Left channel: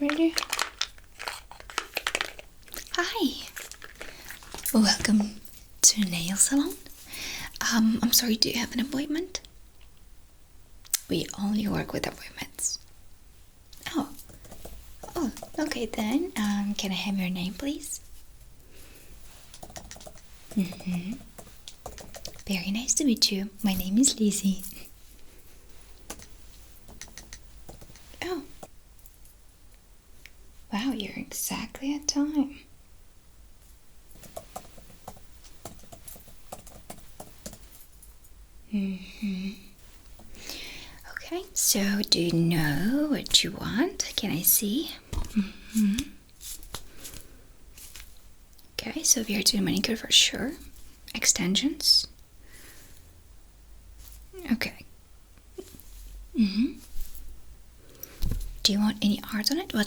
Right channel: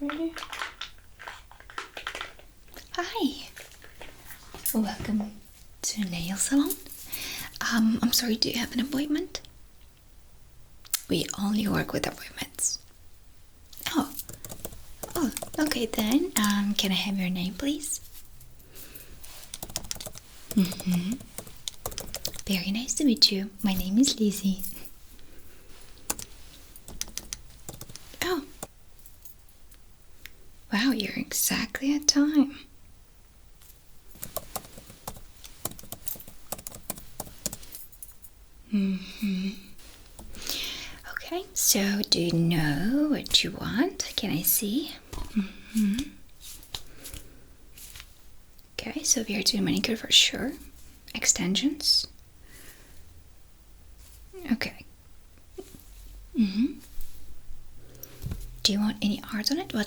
pretty. Hi. Welcome to nail salon. I'm sorry, do you have an appointment? We only work with appointments. Oh, okay then. Can I have your name, please? Very nice to meet you. My name is Lizzie. Oh. Wow, you're exactly at time. Okay, so do you know what you want? Can I see? Okay, so we are doing manicure for sure. Extensions. Okay. Do you want any art on it? Well,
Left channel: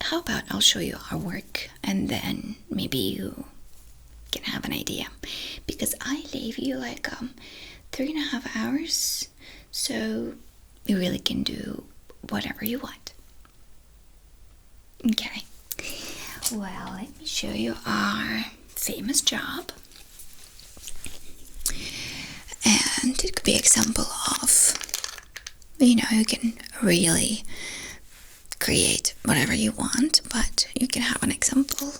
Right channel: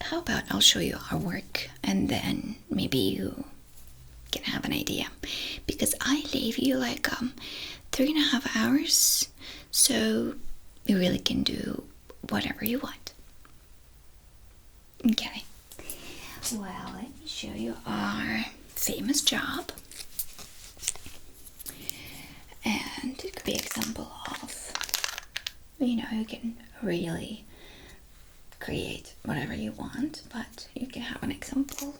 how about I'll show you our work and then maybe you can have an idea. Because I leave you like 3.5 hours, so you really can do whatever you want. Okay. Well, let me show you our famous job. And it could be an example of, you can really create whatever you want, but you can have an example.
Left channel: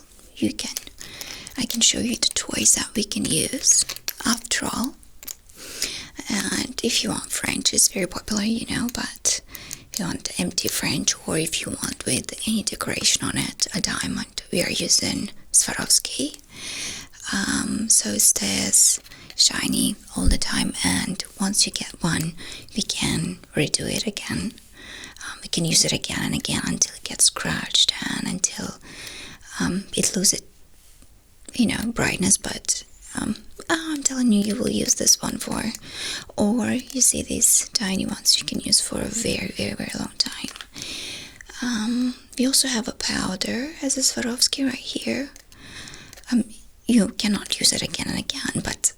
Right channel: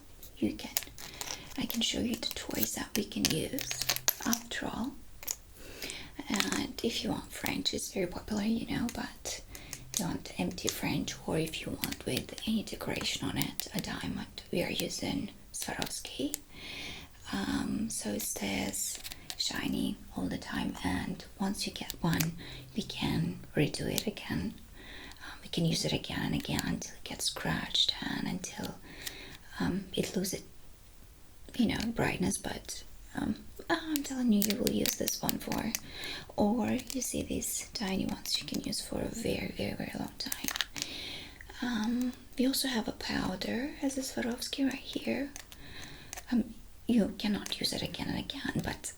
I can show you the toys that we can use after all. And if you want French, it's very popular, but if you want empty French, or if you want with any decoration on it, a diamond, we are using Swarovski. So it stays shiny all the time, and once you get one, we can redo it again. We can use it again and again until it gets scratched and until it loses, brightness. But I'm telling you, you will use this one for, or you see these tiny ones you can use for a very, very, very long time. We also have a powder as a Swarovski right here. You cannot use it again and again, but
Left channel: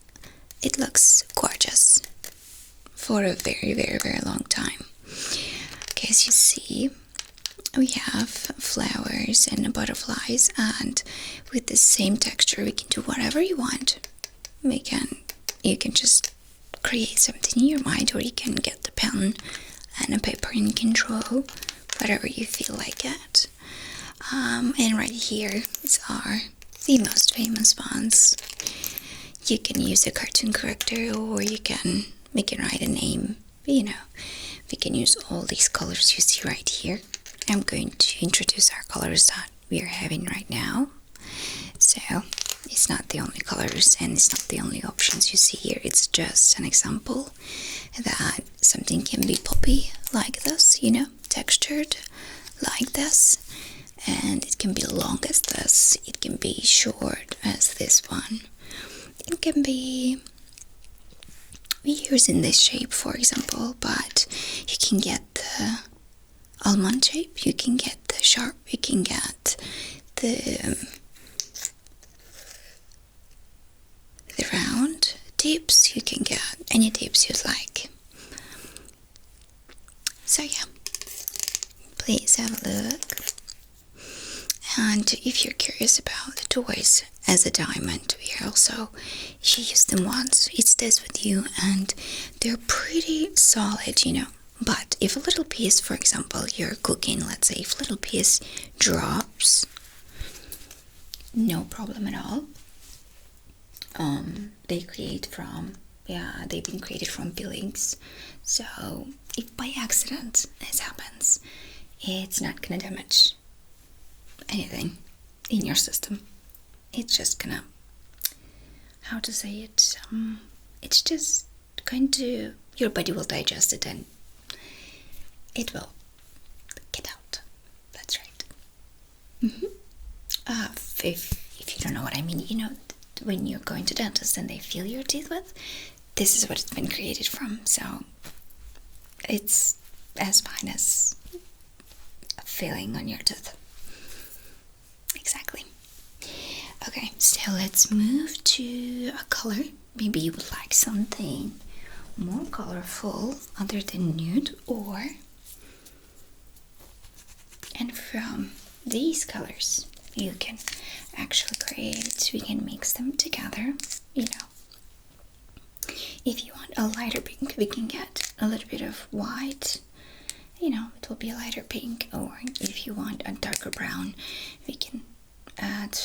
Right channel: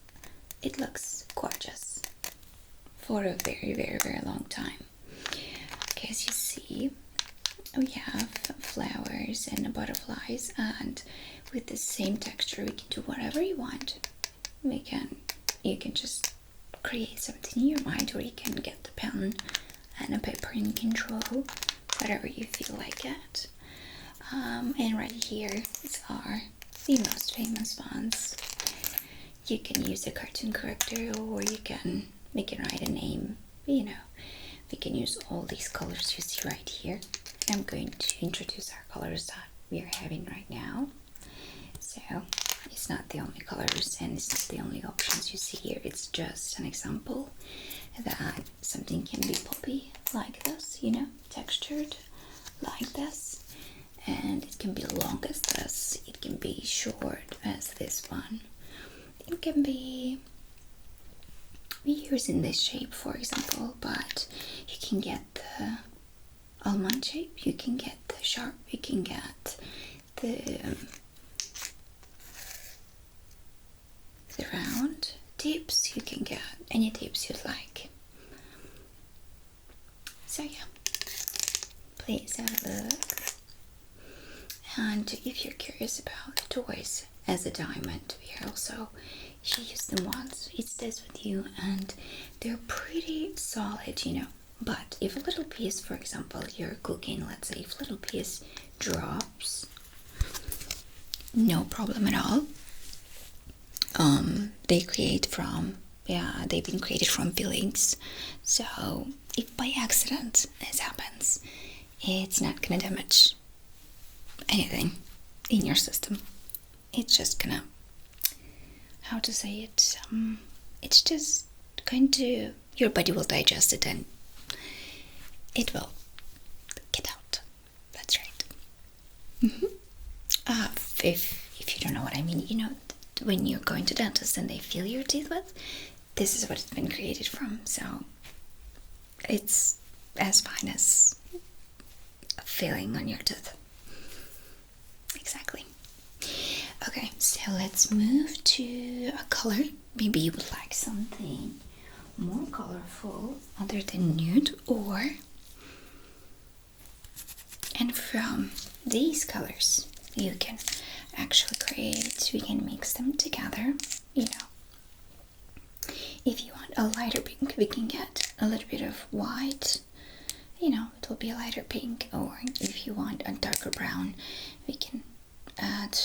it looks gorgeous for a very, very, very long time. Okay, as you see, we have flowers and butterflies, and with the same texture we can do whatever you want. You can just create something in your mind, or you can get the pen and a paper and you can draw whatever you feel like it. And right here are the most famous ones. You can use a cartoon character, or you can write a name. We can use all these colors you see right here. I'm going to introduce our colors that we are having right now. So it's not the only colors and it's not the only options you see here. It's just an example that something can be poppy like this, textured like this. And it can be long as this. It can be short as this one. It can be used in this shape, for example, but you can get the almond shape, you can get the sharp, you can get the round tips, you can get any tips you'd like. So yeah, please have a look. And if you're curious about the toys as a diamond, we also, if you use them once, it stays with you, and they're pretty solid, But if a little piece, for example, you're cooking, let's say, if a little piece drops, no problem at all. They've been created from peelings. So if by accident this happens, it's not gonna damage anything in your system. It's just gonna, how to say it, it's just going to, your body will digest it and it will get out. That's right. If you don't know what I mean, when you're going to dentist and they feel your teeth with, this is what it's been created from. So it's as fine as a filling on your tooth. Exactly. Okay, so let's move to a color. Maybe you would like something more colorful other than nude, or And from these colors, you can actually create, we can mix them together, you know. If you want a lighter pink, we can get a little bit of white, you know, it will be a lighter pink. Or if you want a darker brown, we can add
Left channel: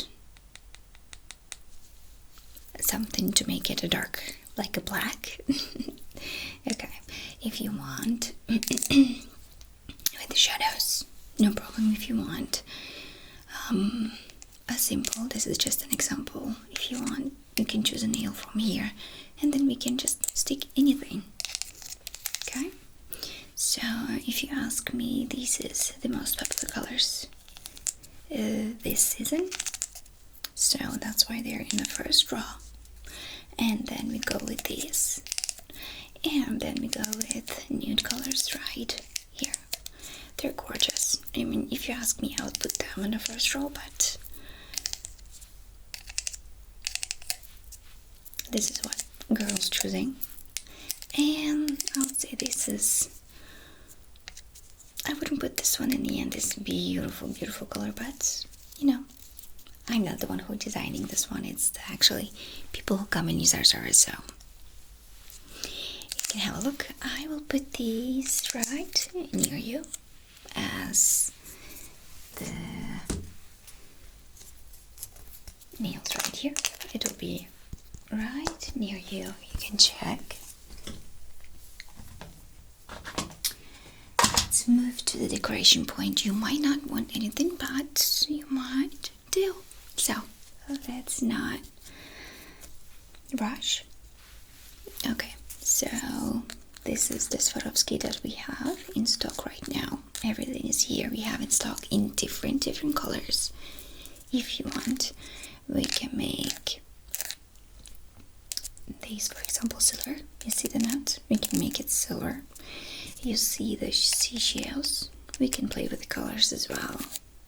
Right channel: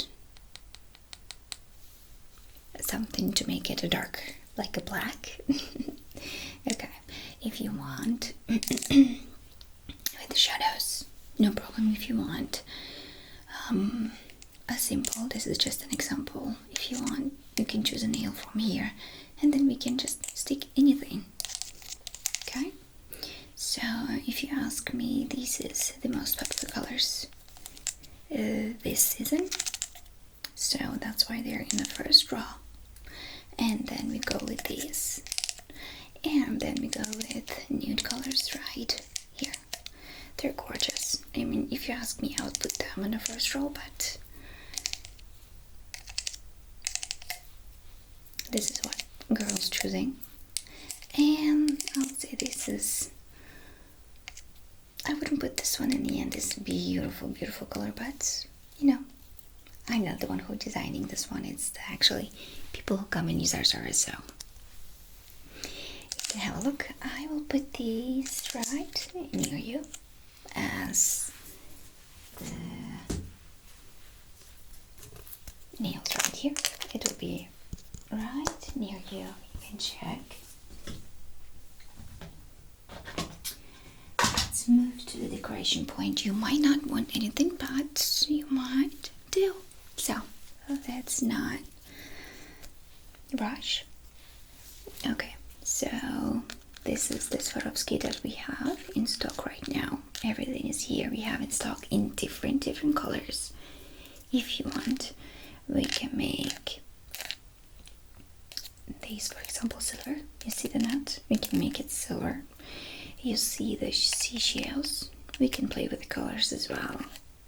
something to make it a dark, like a black. Okay, if you want with the shadows, no problem. If you want a simple, this is just an example. If you want, you can choose a nail from here, and then we can just stick anything. Okay, so if you ask me, this is the most popular colors this season, so that's why they're in the first row. And then we go with these, and then we go with nude colors right here. They're gorgeous. I mean, if you ask me, I would put them in the first row, but this is what girls choosing. And I would say this is, I wouldn't put this one in the end, this beautiful color, but you know, I'm not the one who designing this one. It's actually people who come and use our service, so you can have a look. I will put these right near you as the nails right here. It will be right near you. You can check. Let's move to the decoration point. You might not want anything, but you might do. So let's not rush. Okay, so this is the Swarovski that we have in stock right now. Everything is here. We have in stock in different colors. If you want, we can make these, for example, silver. You see the nut? We can make it silver. You see the seashells? We can play with the colors as well.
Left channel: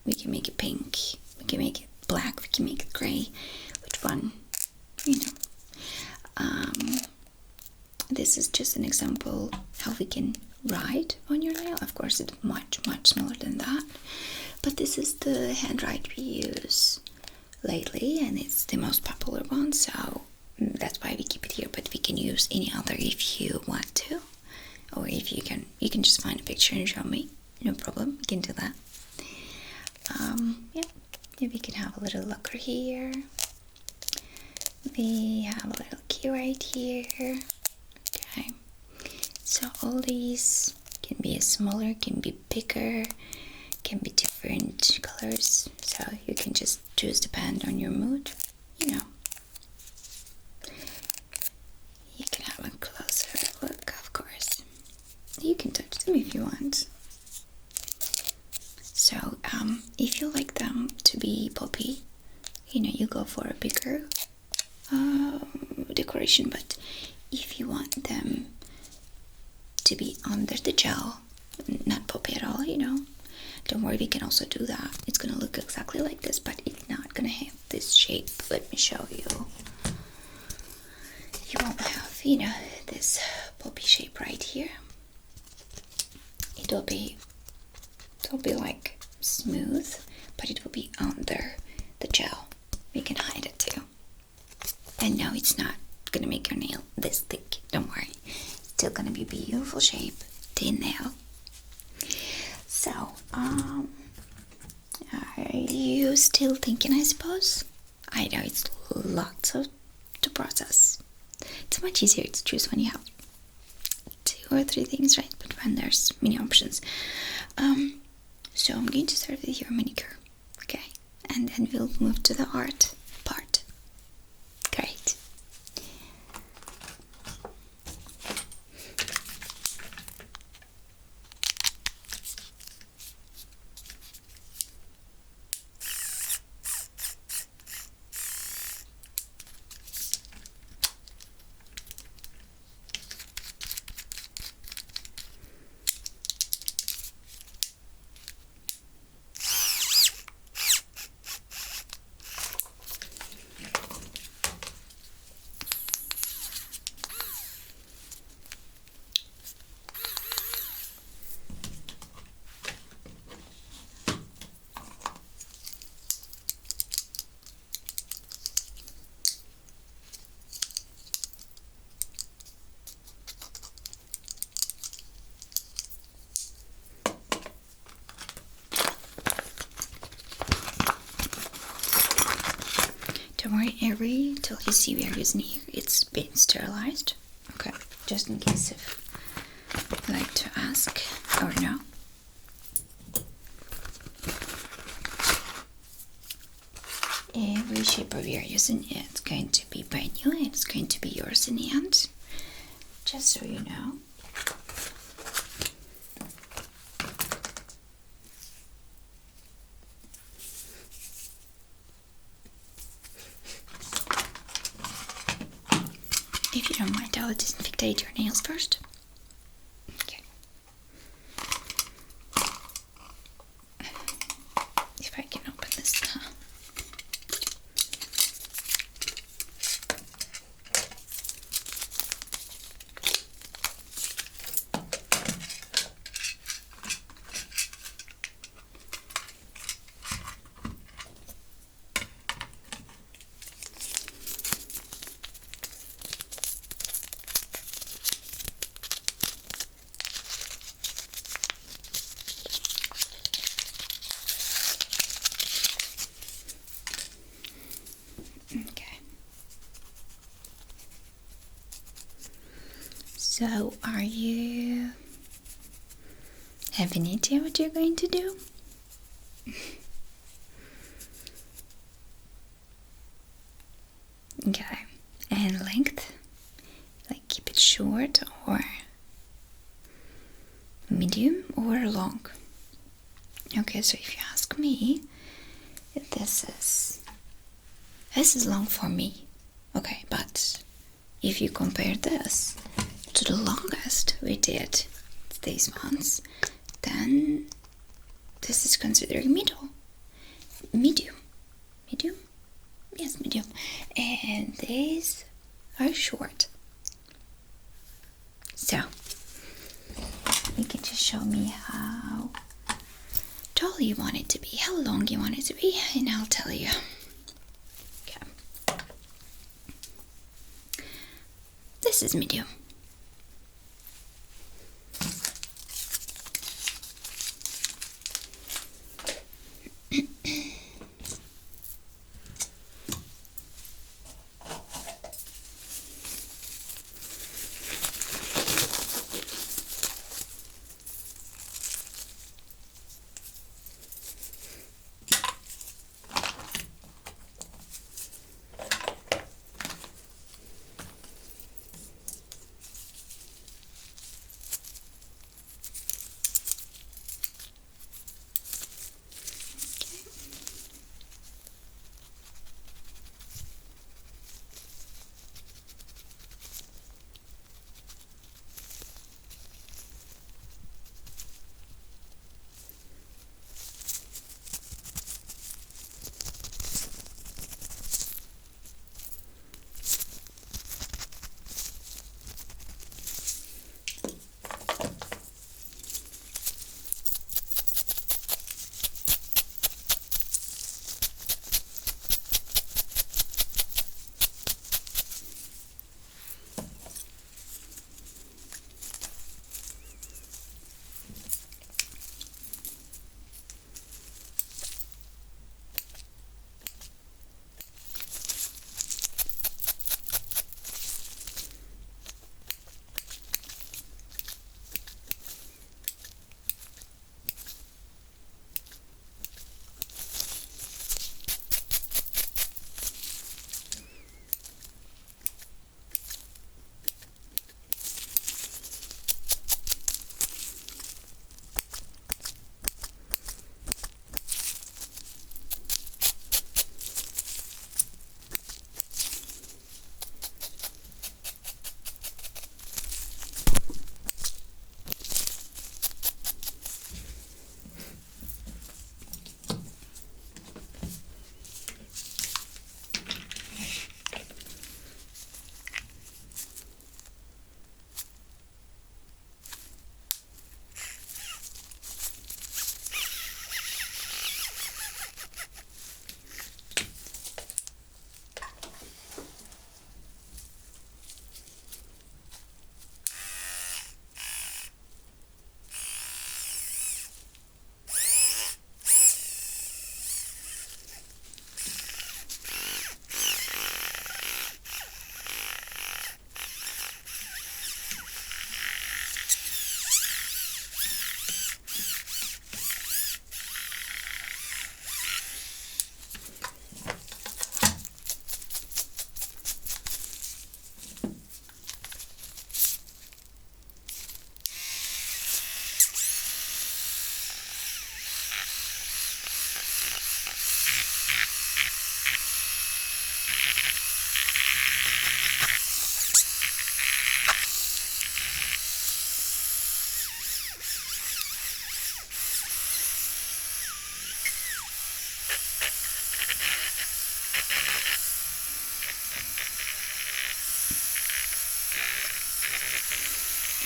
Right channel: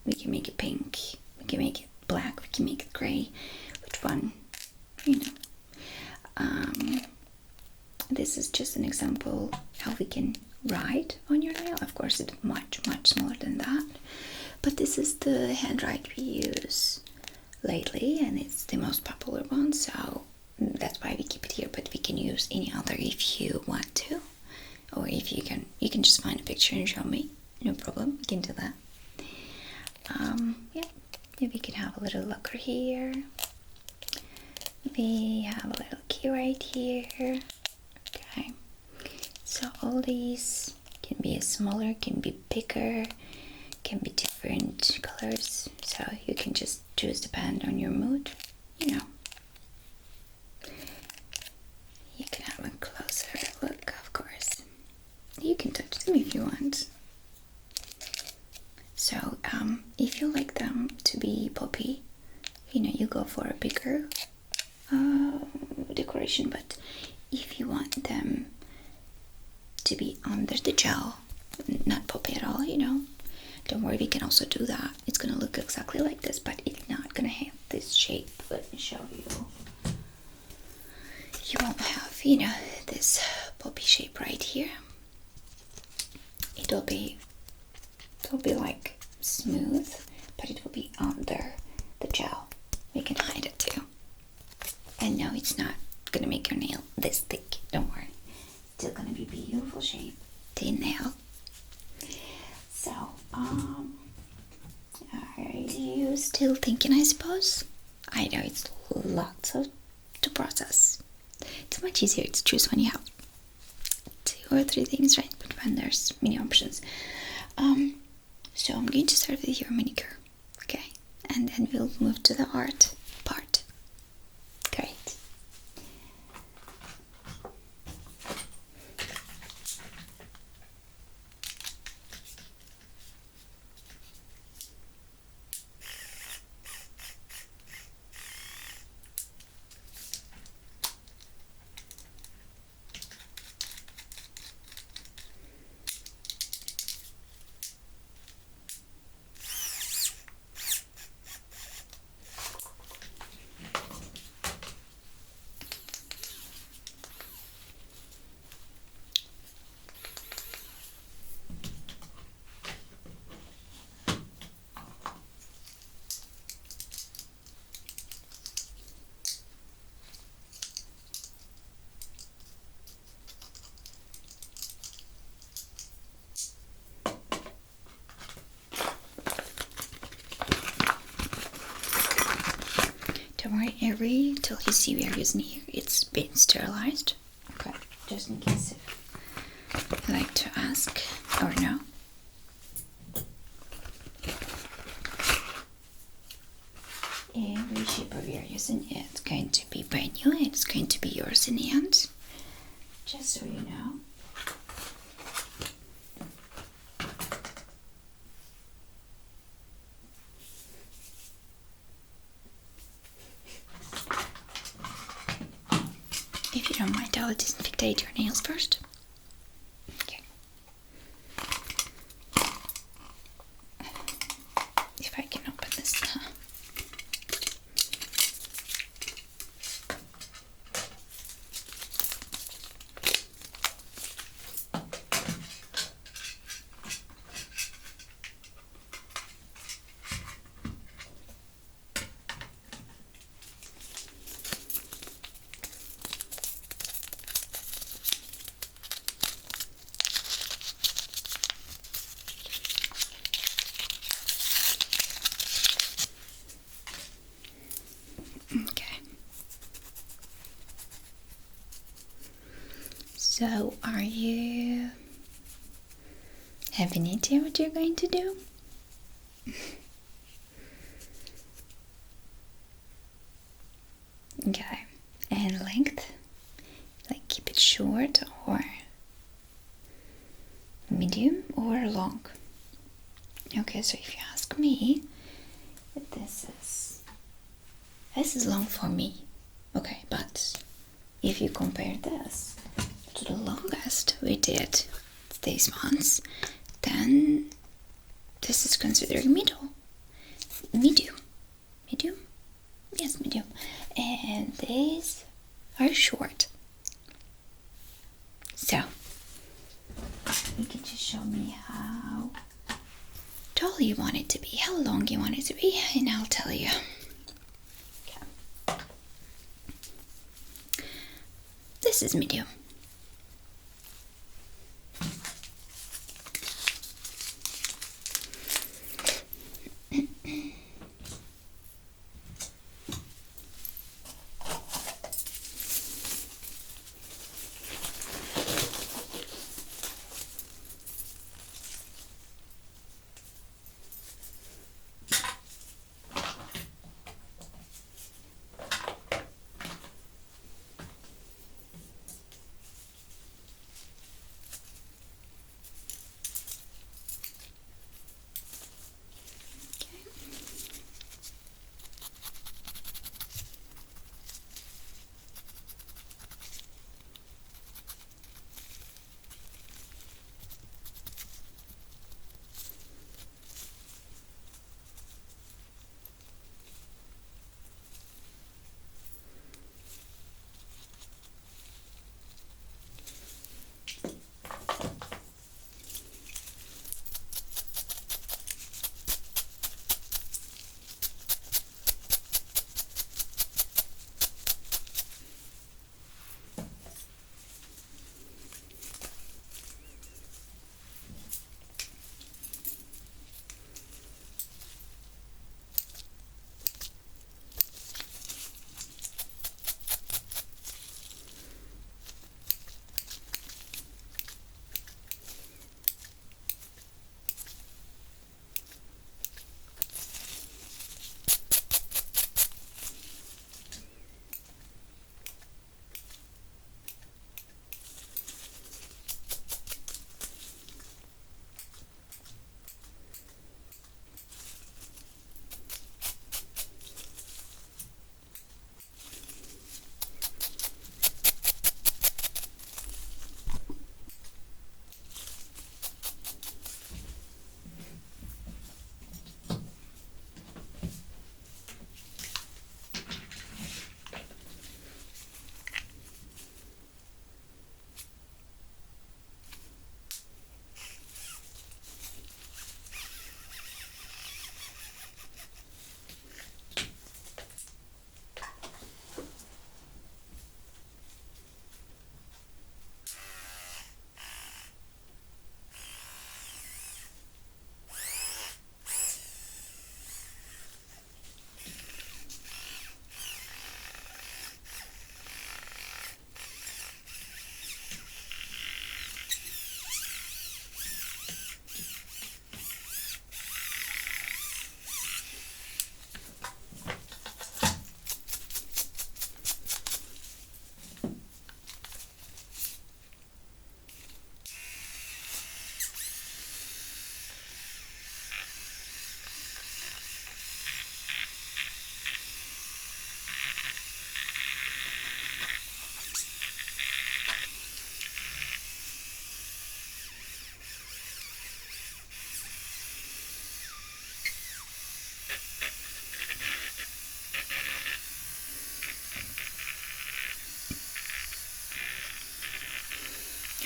We can make it pink. We can make it black. We can make it gray. Which one? You know. This is just an example how we can write on your nail. Of course, it's much smaller than that. But this is the handwrite we use lately, and it's the most popular one. So that's why we keep it here. But we can use any other if you want to, or if you can just find a picture and show me. No problem. We can do that. Yeah. We can have a little locker here. We have a little key right here. Okay, so all these can be smaller, can be bigger, can be different colors, so you can just choose depend on your mood, you know. You can have a closer look, of course. You can touch them if you want. So if you like them to be poppy, you know, you go for a bigger decoration. But if you want them to be under the gel, not poppy at all, you know, don't worry, we can also do that. It's gonna look exactly like this, but it's not gonna have this shape. Let me show you. You won't have, you know, this poppy shape right here. It'll be like smooth, but it will be under the gel. We can hide it too. And no, it's not gonna make your nail this thick, don't worry. It's still gonna be a beautiful shape, thin nail. So, are you still thinking, I suppose? I know it's lots to process. It's much easier to choose when you have 2 or 3 things, right? But when there's many options. So I'm going to start with your manicure, okay? And then we'll move to the art part. Great. every tool you see we are using here, it's been sterilized. Okay, just in case if you like to ask or no. Every shaper we are using, it's going to be brand new and it's going to be yours in the end. Just so you know. If you don't mind, I'll disinfect your nails first. Okay. If I can open this. Okay. So, are you have any idea what you're going to do? Okay. And length? Like keep it short or medium or long? Okay, so if you ask me, this is long for me. Okay, but if you compare this to the longest we did these months, then this is considered medium. Yes, medium. And these are short. So you can just show me how tall you want it to be, how long you want it to be, and I'll tell you. Okay. This is medium.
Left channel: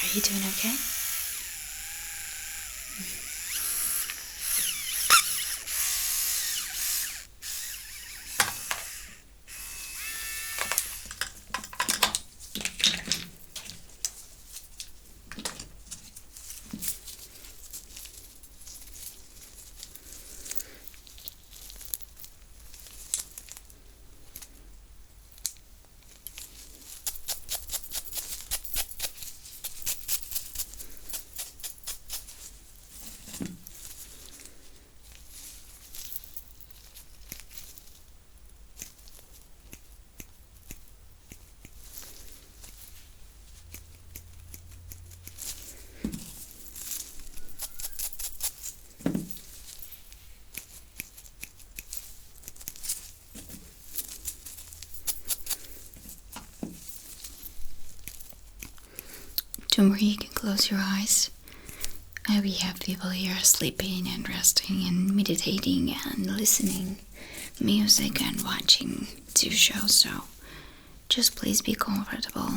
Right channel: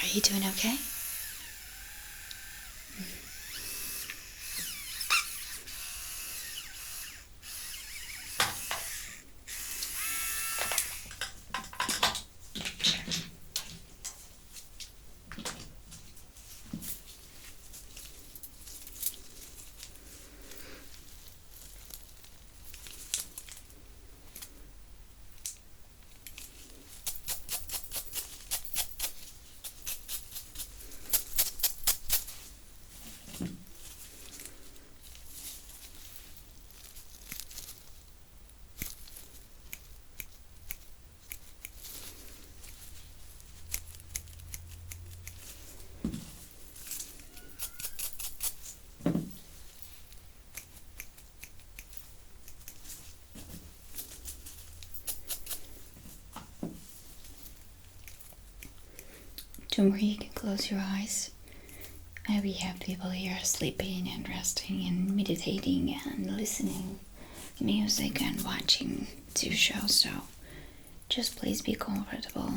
Are you doing okay? Don't worry, you can close your eyes. We have people here sleeping and resting and meditating and listening music and watching two shows, so just please be comfortable.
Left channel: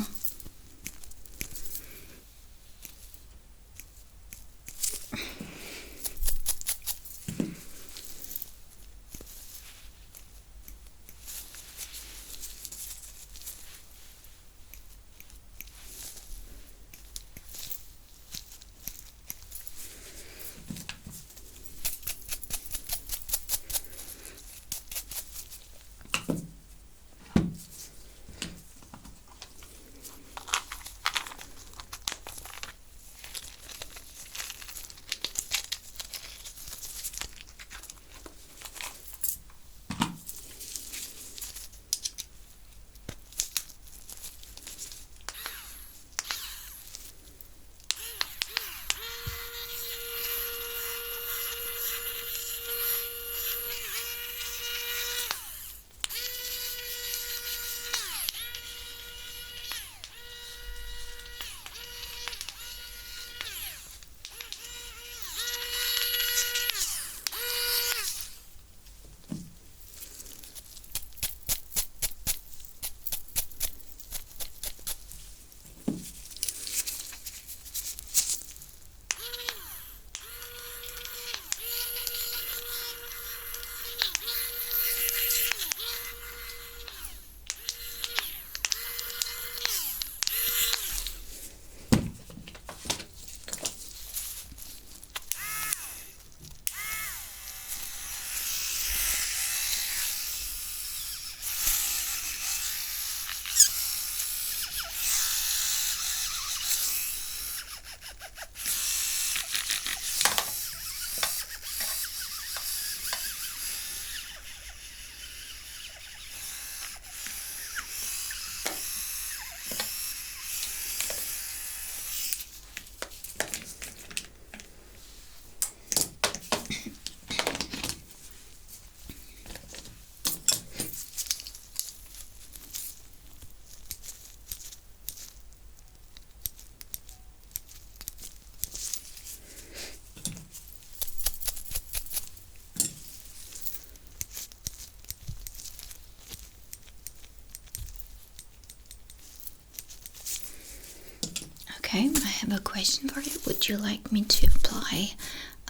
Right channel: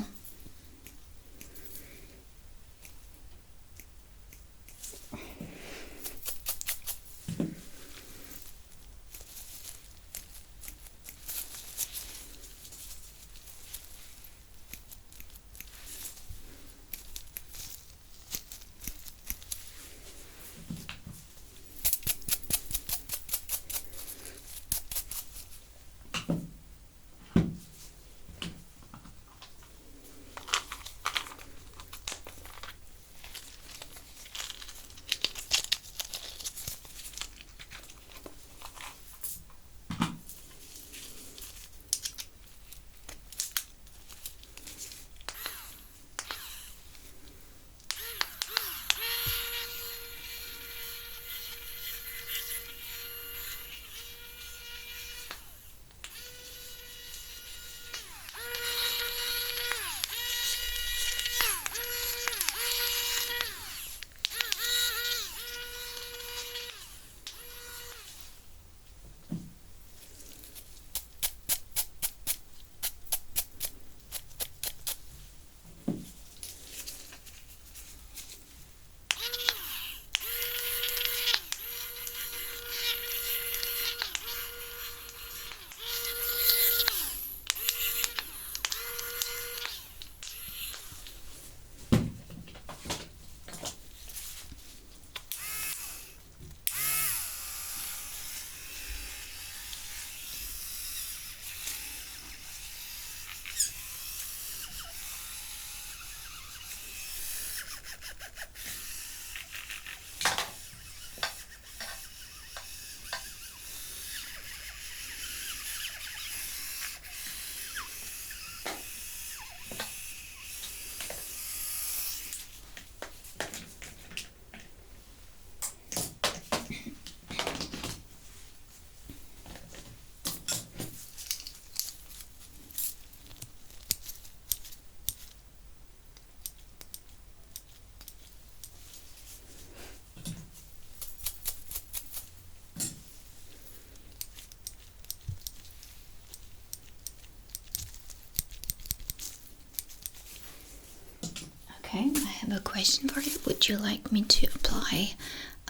Okay, I have a question for you. Would you like me to apply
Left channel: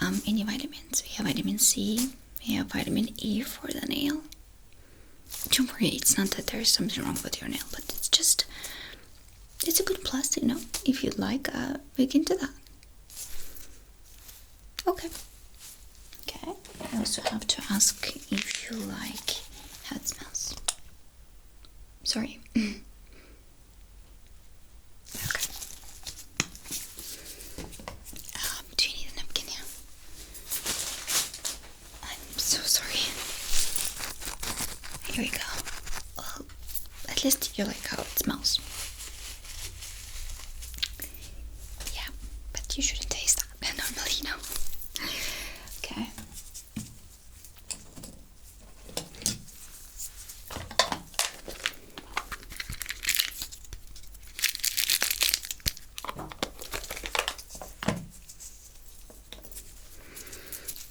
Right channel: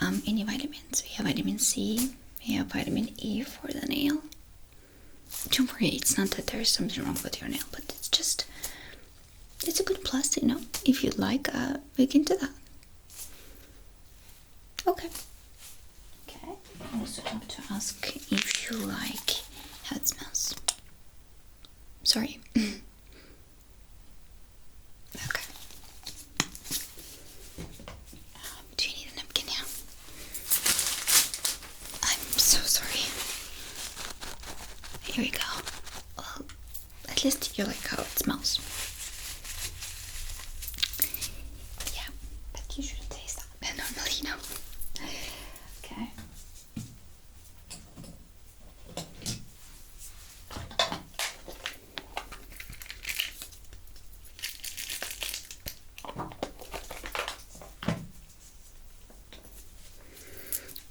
any vitamins? We have vitamin C, we have vitamin E for the nail. Don't worry, it's not that there's something wrong with your nail, but it's a good plus, you know. If you'd like, we can do that. Okay. Okay, I also have to ask if you like how it smells. Sorry. Okay. Do you need a napkin now? I'm so sorry. Here we go. Well, at least you like how it smells. Yeah, but you shouldn't taste that normally, you know. Okay.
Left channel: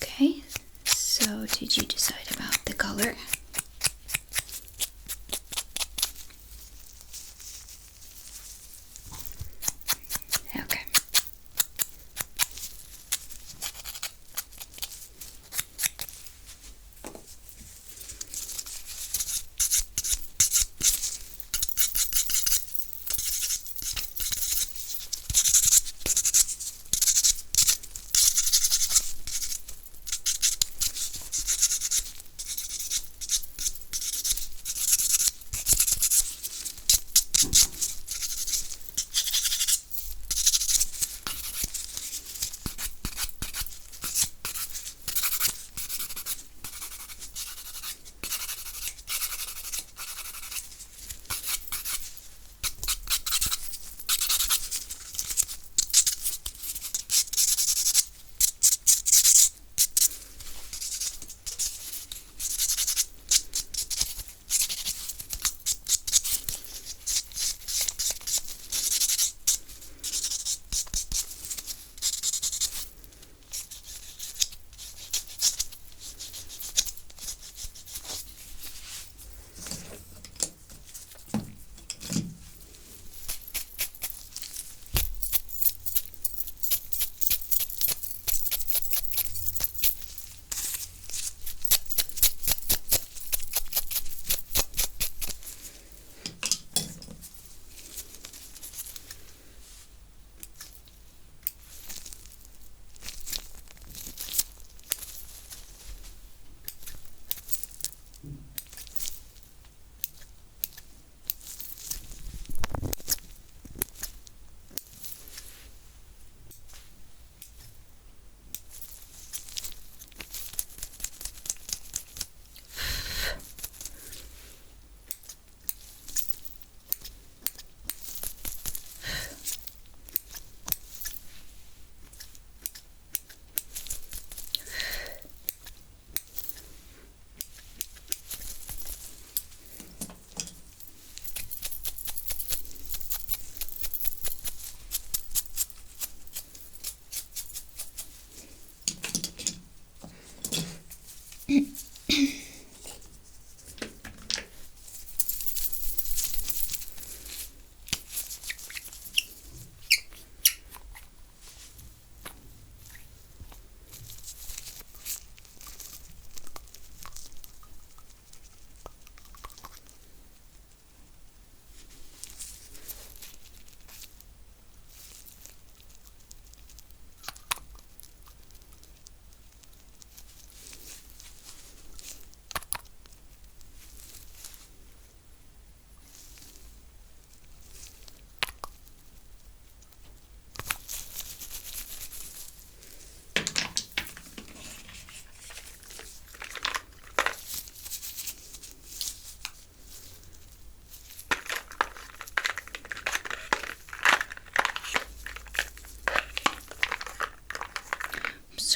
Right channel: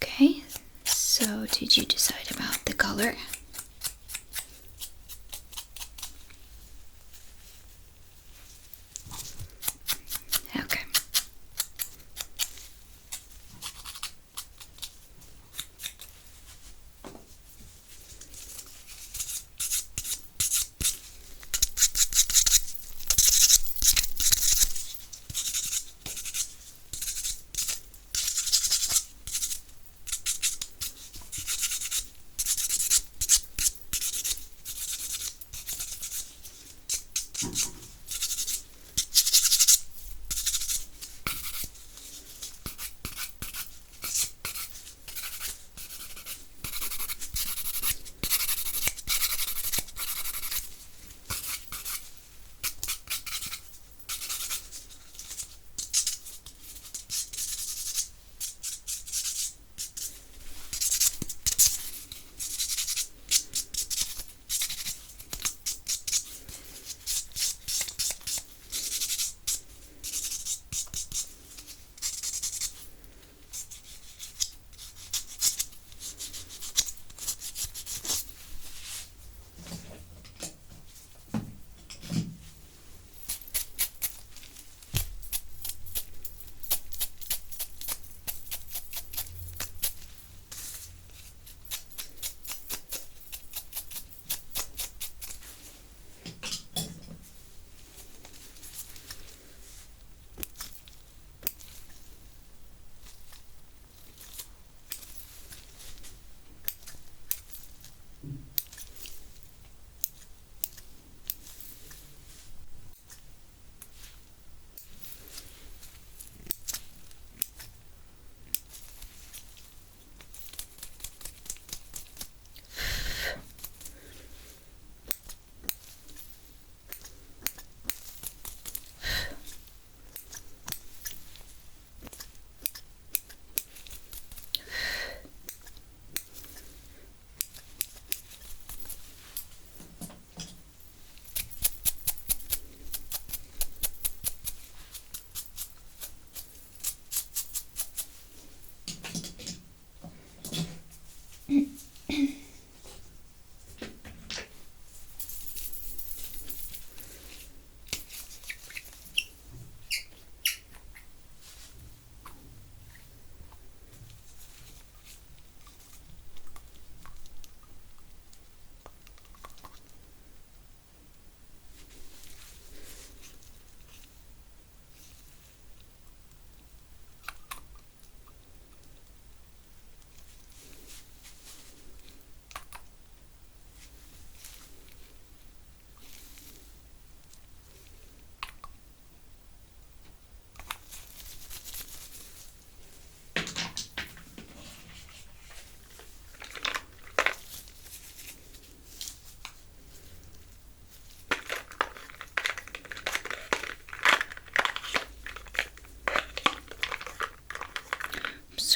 Okay, so did you decide about the color? Okay.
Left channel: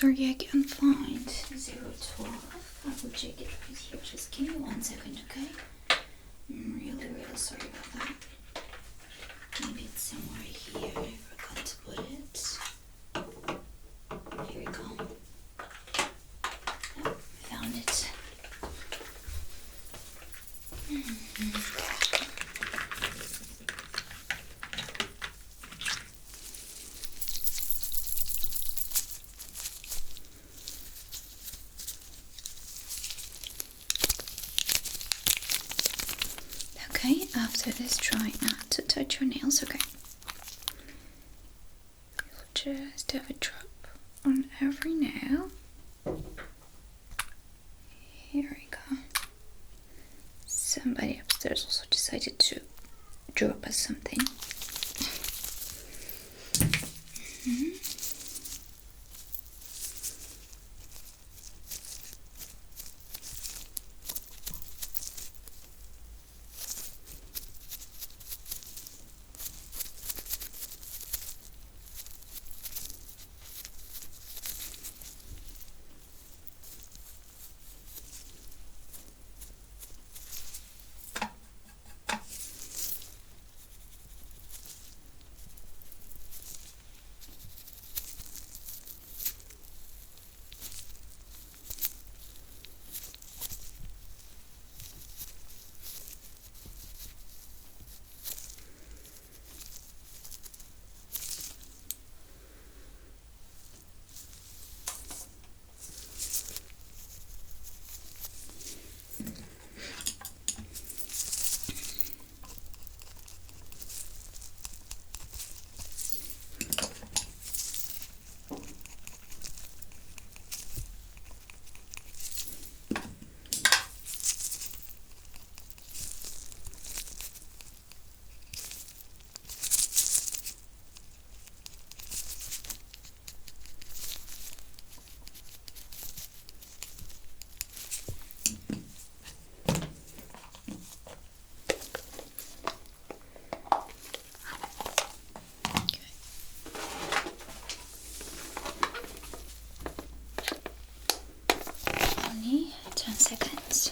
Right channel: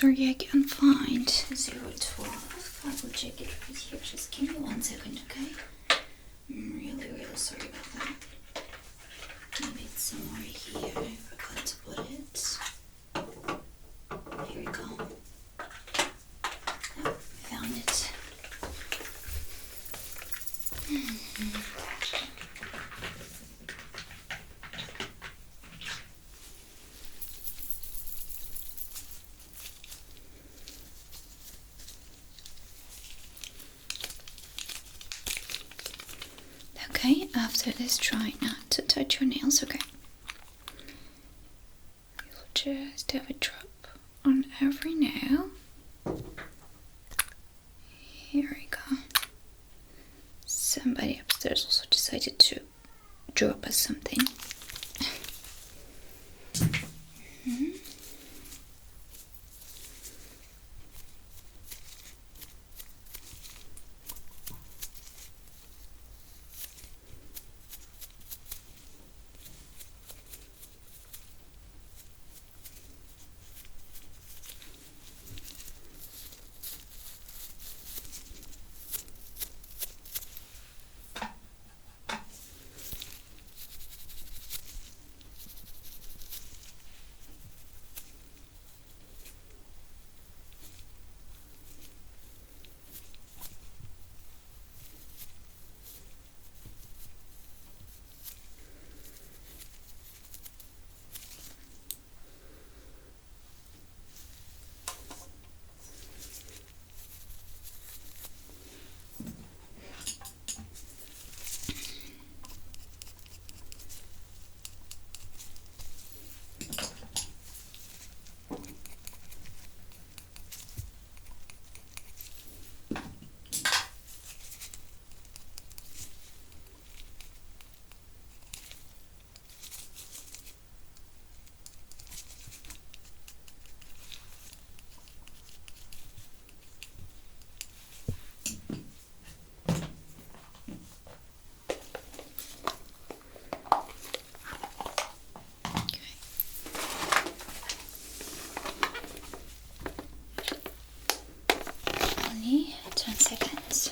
sorry, I can't find 012. I will check it right here. Just give me 1 second, okay? I'm really, really sorry about that. Maybe it's somewhere here. I forgot to put it. Here we go. Oh, I found it. Okay, after this, try not to touch your nails, okay? You'll just have a drop on every nail. Here we go. Somebody upstairs also decided to drop us something. Only 10 seconds.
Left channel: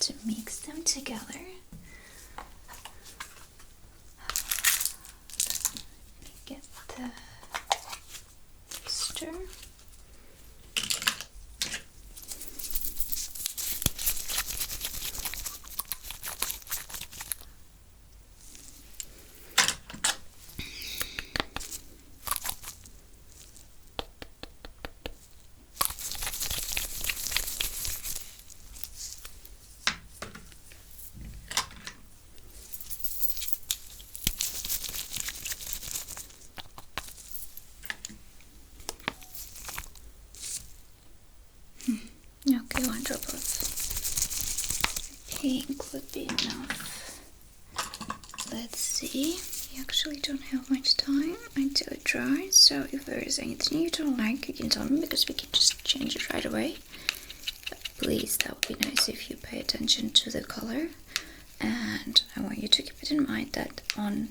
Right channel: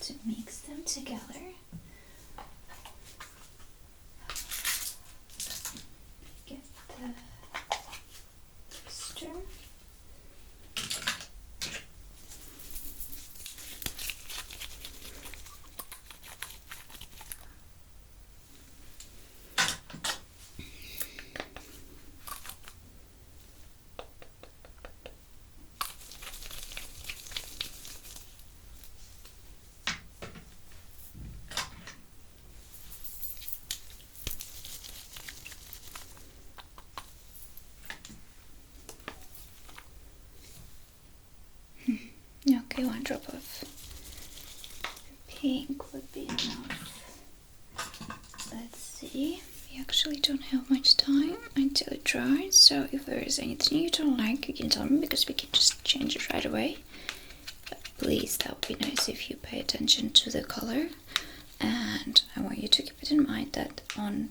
To mix them together. Get the stir. Okay, 1 drop of pink would be enough. Let's see. We actually don't have much time until it dries, so if there is anything you don't like, you can tell me because we can just change it right away. But please, that would be nice if you pay attention to the color. And I want you to keep it in mind that on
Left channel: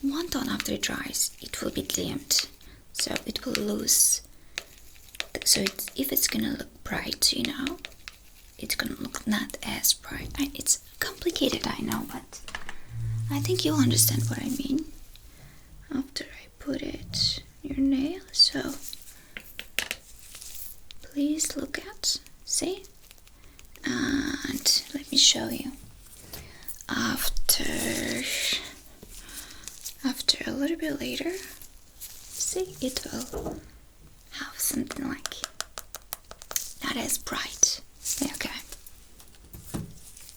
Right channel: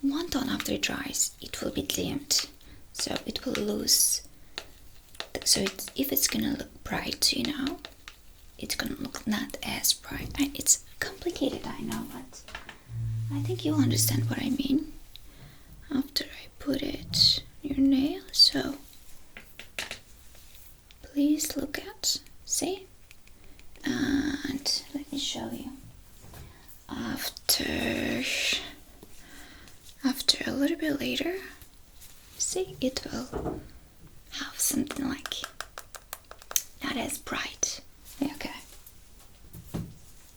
one tone after it dries, it will be dimmed, so it will lose. So if it's gonna look bright, you know, it's gonna look not as bright. It's complicated, I know, but I think you'll understand what I mean after I put it in your nail. So please look at, see, and let me show you. After a little bit later, see, it will have something like not as bright. Okay,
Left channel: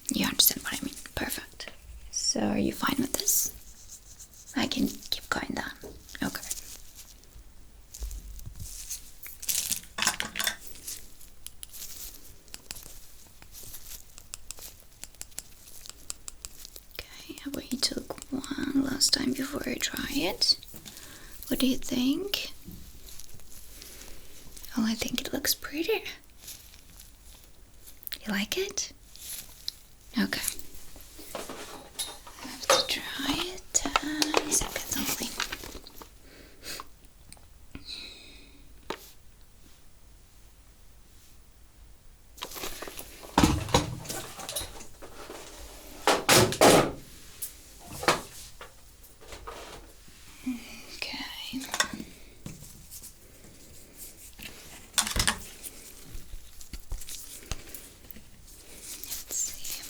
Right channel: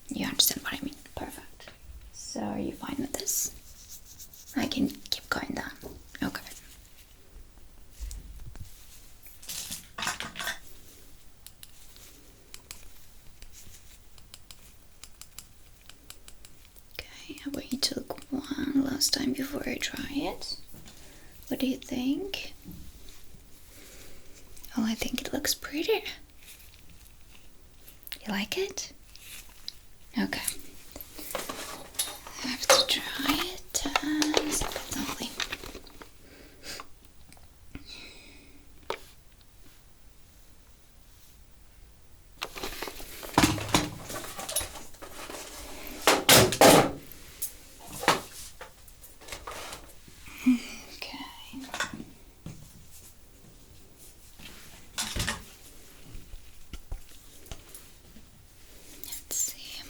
you understand what I mean. Perfect. So are you fine with this? I can keep going down. Okay. Okay, how about you took one last time before I try it? What do you think? Oh, I think it looks pretty. You like it? Okay. I have to try it. 10 seconds only. Okay. Let's see.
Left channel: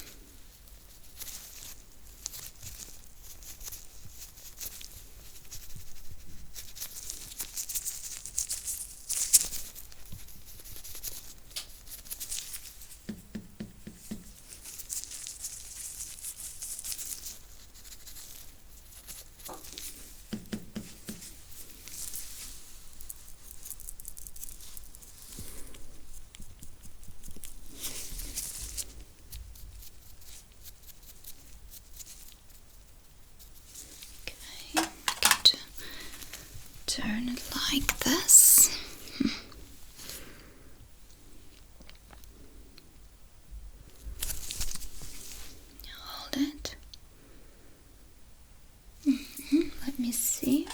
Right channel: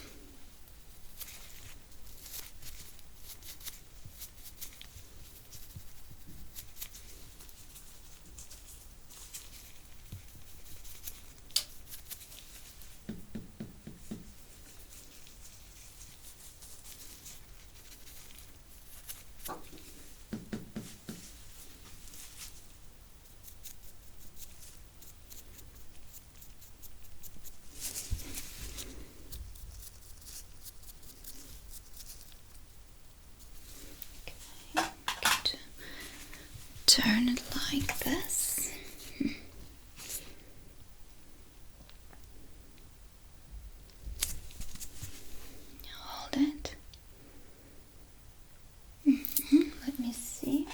Okay, going to turn it like this. Hold it. Let me see.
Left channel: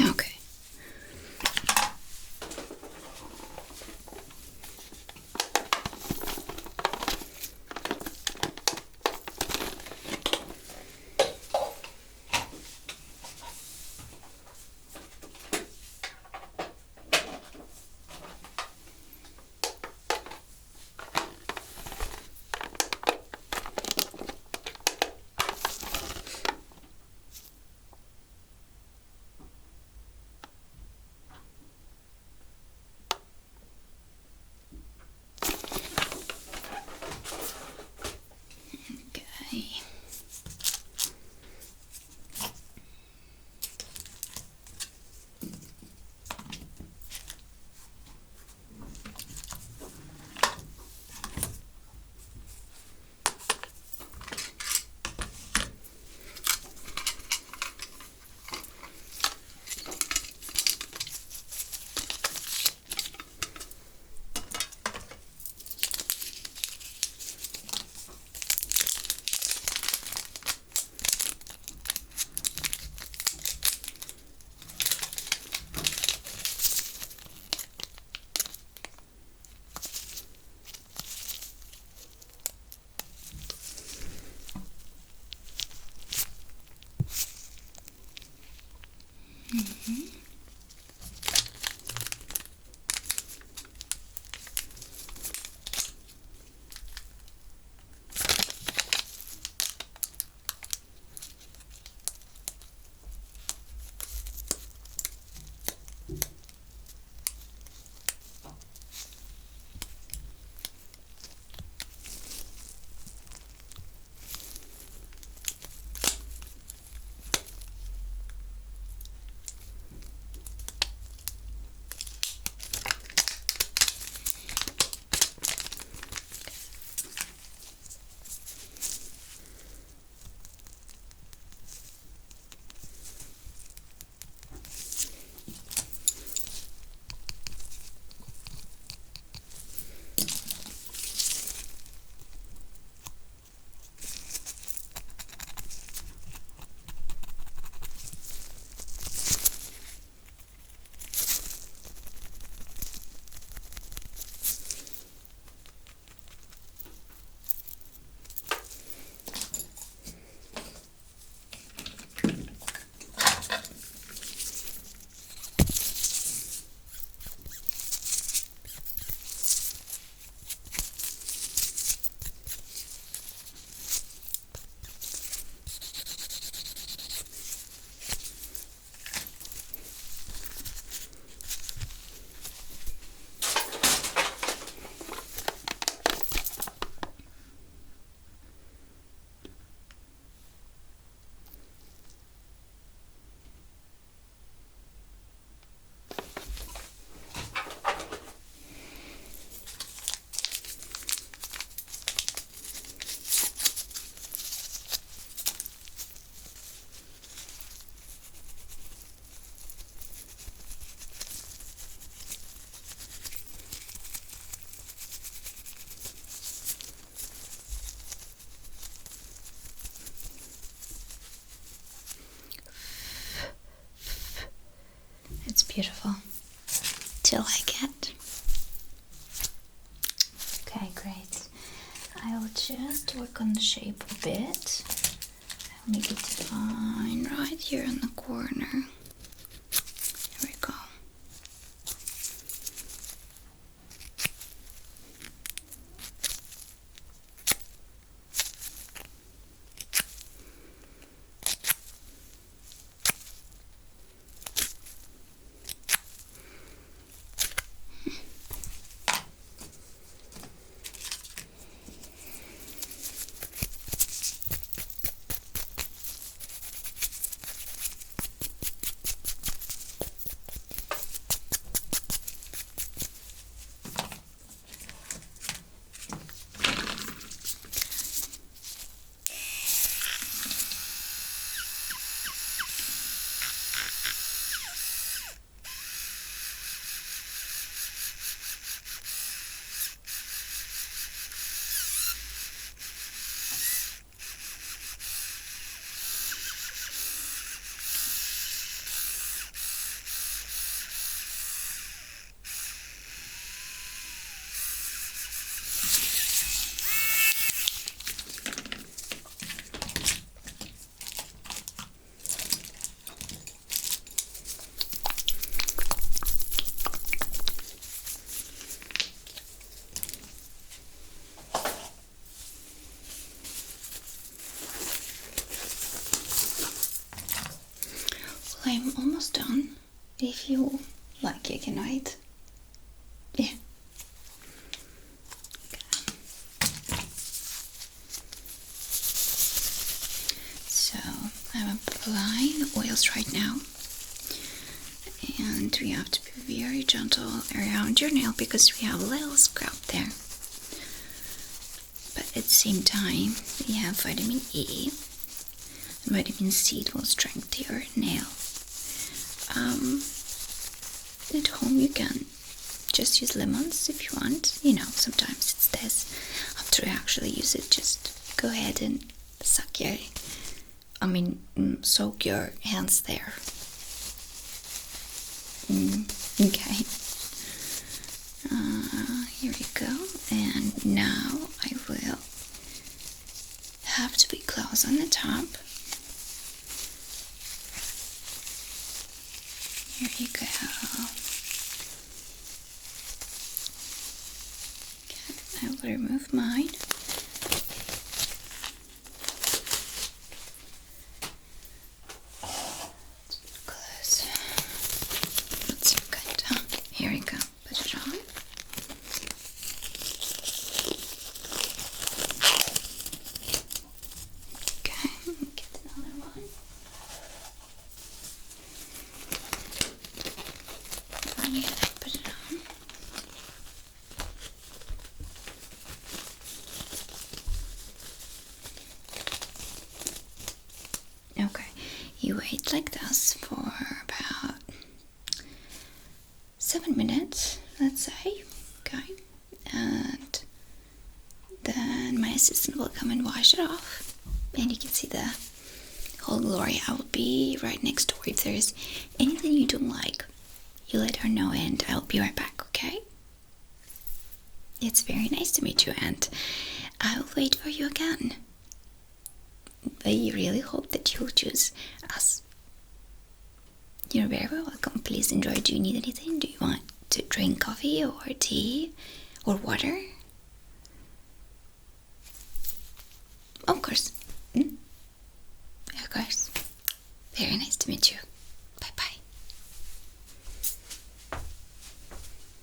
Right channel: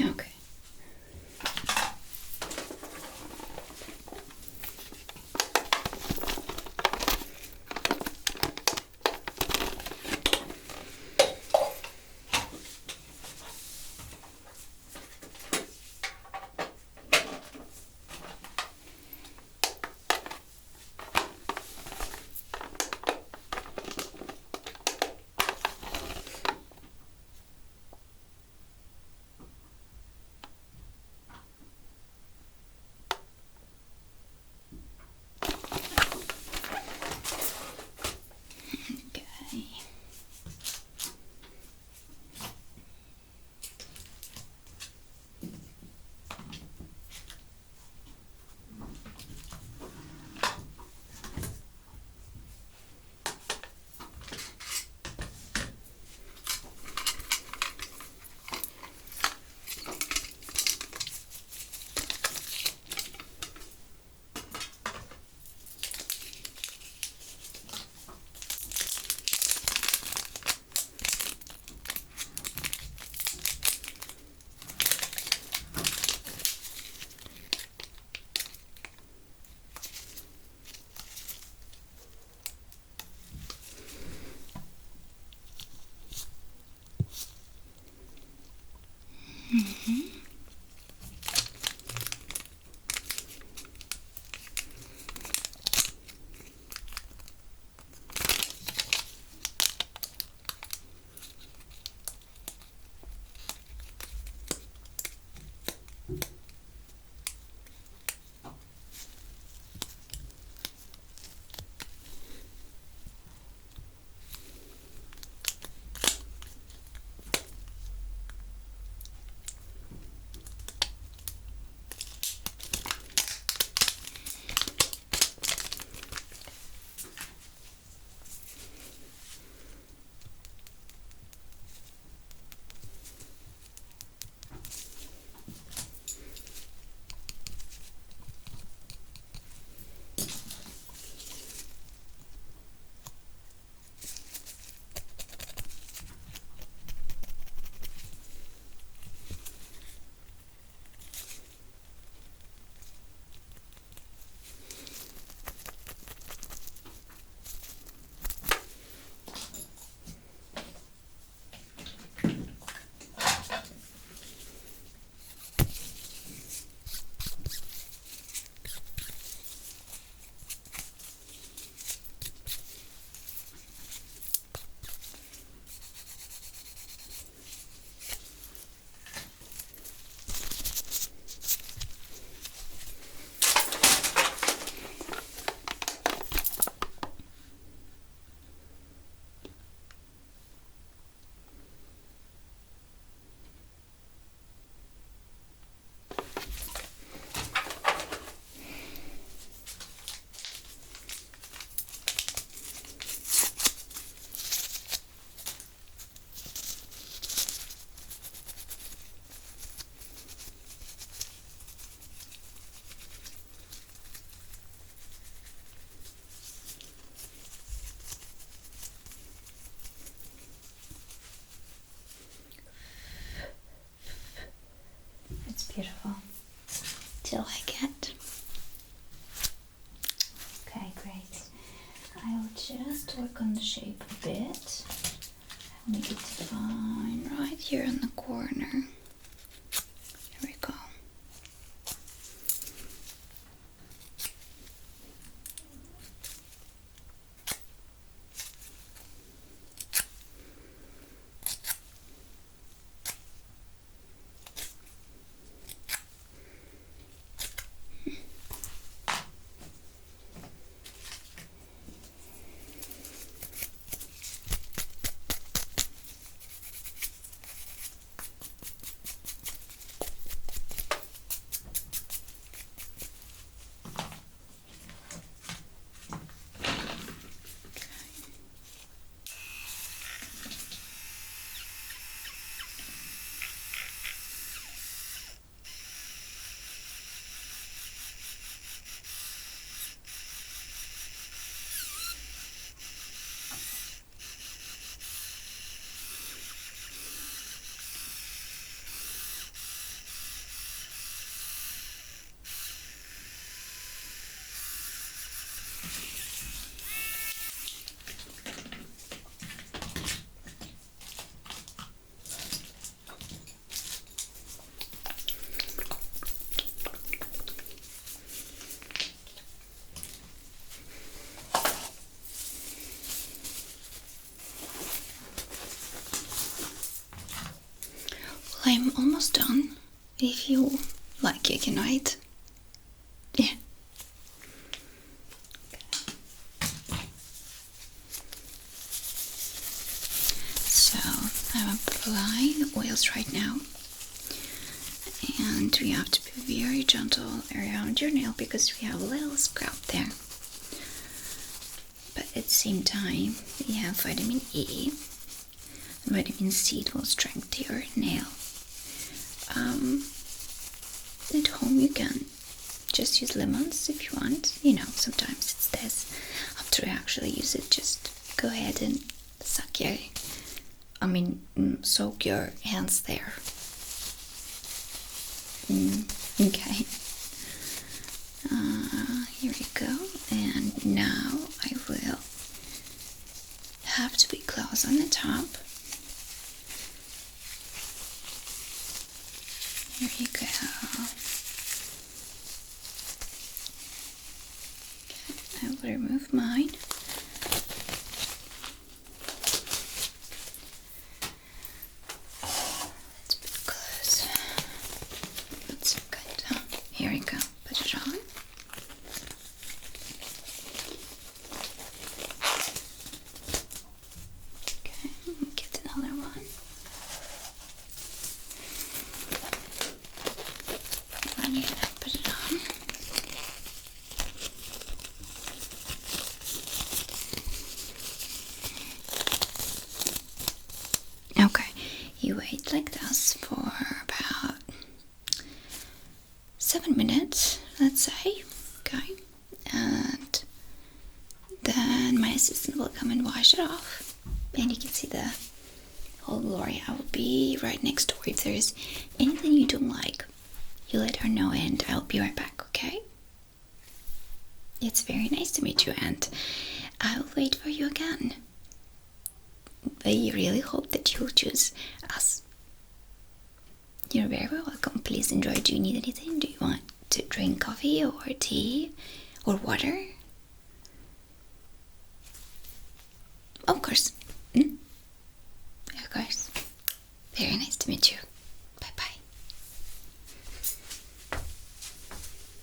Okay. Beautiful. Do you like it? Okay, great. I will just work on the shape a bit. I'll make it fine right here in the corner. There we go. I'm almost done. If you like, you can wait. Yeah. So I'm applying the oils right now, and we have to be very gentle around your nail because we have a little scrap there. But at the same time, we have vitamin E, and vitamin C will strengthen your nail. At home you can just use lemons if you want. You know, sometimes it's this. After you actually use it, just go ahead and soak your hands there. Okay. Here we go. And now I will have to be close on the top. Here you go. Okay, I will remove mine. Let's be close. That's good. Huh? Here we go. Put it on. Okay, get another one. Yeah, put it on. Okay, you wait like this for about 7 minutes, let's say. Okay, and then my assistant will come and wash it off, and you can see the whole glory. I will be right next door. If there's anything you don't like, you let her know, and I'll be right back, okay? It's very nice to meet you, and I'll wait for you again. I really hope that you'll choose us. You're very welcome. Please enjoy. Do you need anything? Do you want to drink coffee or tea or water? Of course. Of course. Very nice to meet you.